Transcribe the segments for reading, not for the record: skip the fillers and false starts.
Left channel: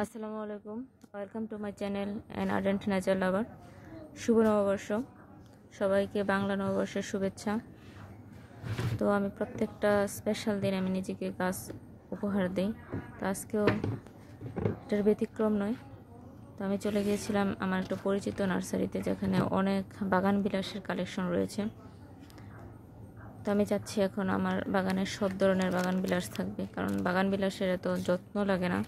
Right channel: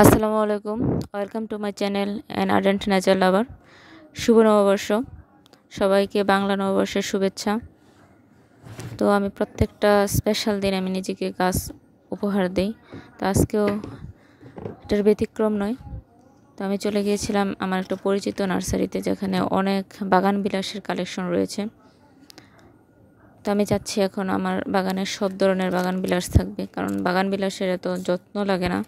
আসসালামু আলাইকুম। Welcome to my channel an ardent nature lover. শুভ নববর্ষ, সবাইকে বাংলা নববর্ষের শুভেচ্ছা। তো আমি প্রত্যেকটা স্পেশাল দিন আমি নিজেকে গাছ উপহার দিই, তো আজকেও এটার ব্যতিক্রম নয়। তো আমি চলে গিয়েছিলাম আমার একটা পরিচিত নার্সারিতে, যেখানে অনেক বাগান বিলাসের কালেকশন রয়েছে। তো আমি চাচ্ছি এখন আমার বাগানের সব ধরনের বাগান বিলাস থাকবে, কারণ বাগান বিলাসের এত যত্ন লাগে না,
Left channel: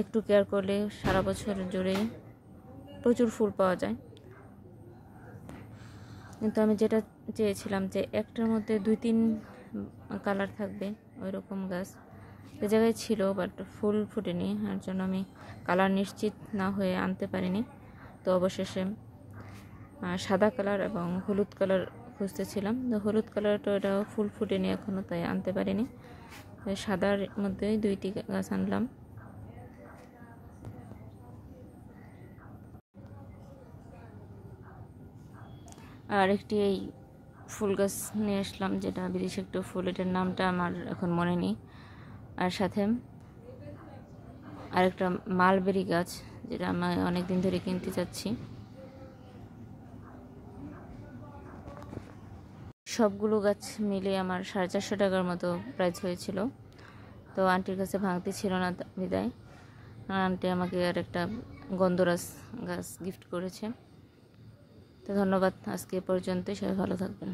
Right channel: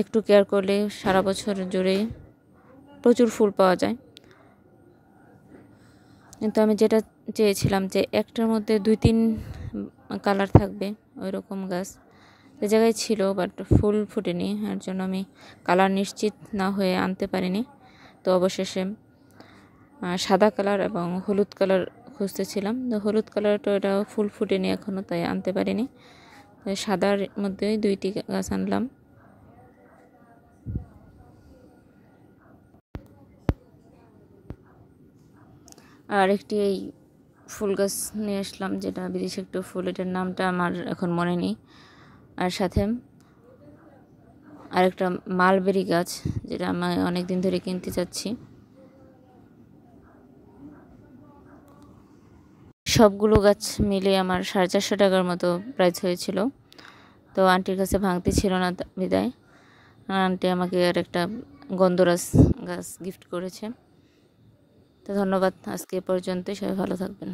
একটু কেয়ার করলে সারা বছর জুড়ে প্রচুর ফুল পাওয়া যায়। কিন্তু আমি যেটা চেয়েছিলাম যে একটার মধ্যে 2-3 কালার থাকবে, ওই রকম গাছ যে জায়গায় ছিল, বাট ফুল ফুটেনি। এর জন্য আমি কালার নিশ্চিত না হয়ে আনতে পারিনি। তো অবশেষে সাদা কালার এবং হলুদ কালার খুঁজতেছিলাম, তো হলুদ কালারটা এটা ফুল ফুটেনি এখনও, তাই আনতে পারিনি। সাদার মধ্যে 2টি গাছ আনলাম। আর একটি এই ফুল গাছ নিয়ে আসলাম, যেটা বিদেশি একটু ফুল, এটার নামটা আমার এখন মনে নেই। আর সাথে আরেকটা মালবেরি গাছ, যেটা আমি অনেক দিন ধরে কিনতে চাচ্ছি। সবগুলো গাছ মিলে আমার 450 টাকার মতো প্রাইস হয়েছিল। তো আন্টির কাছে ভাঙতি ছিল না বিদায় আন্টি আমাকে আর একটা গন্ধরাজ গাছ গিফট করেছে। তো ধন্যবাদ, আজকে পর্যন্ত, সবাই ভালো থাকবেন।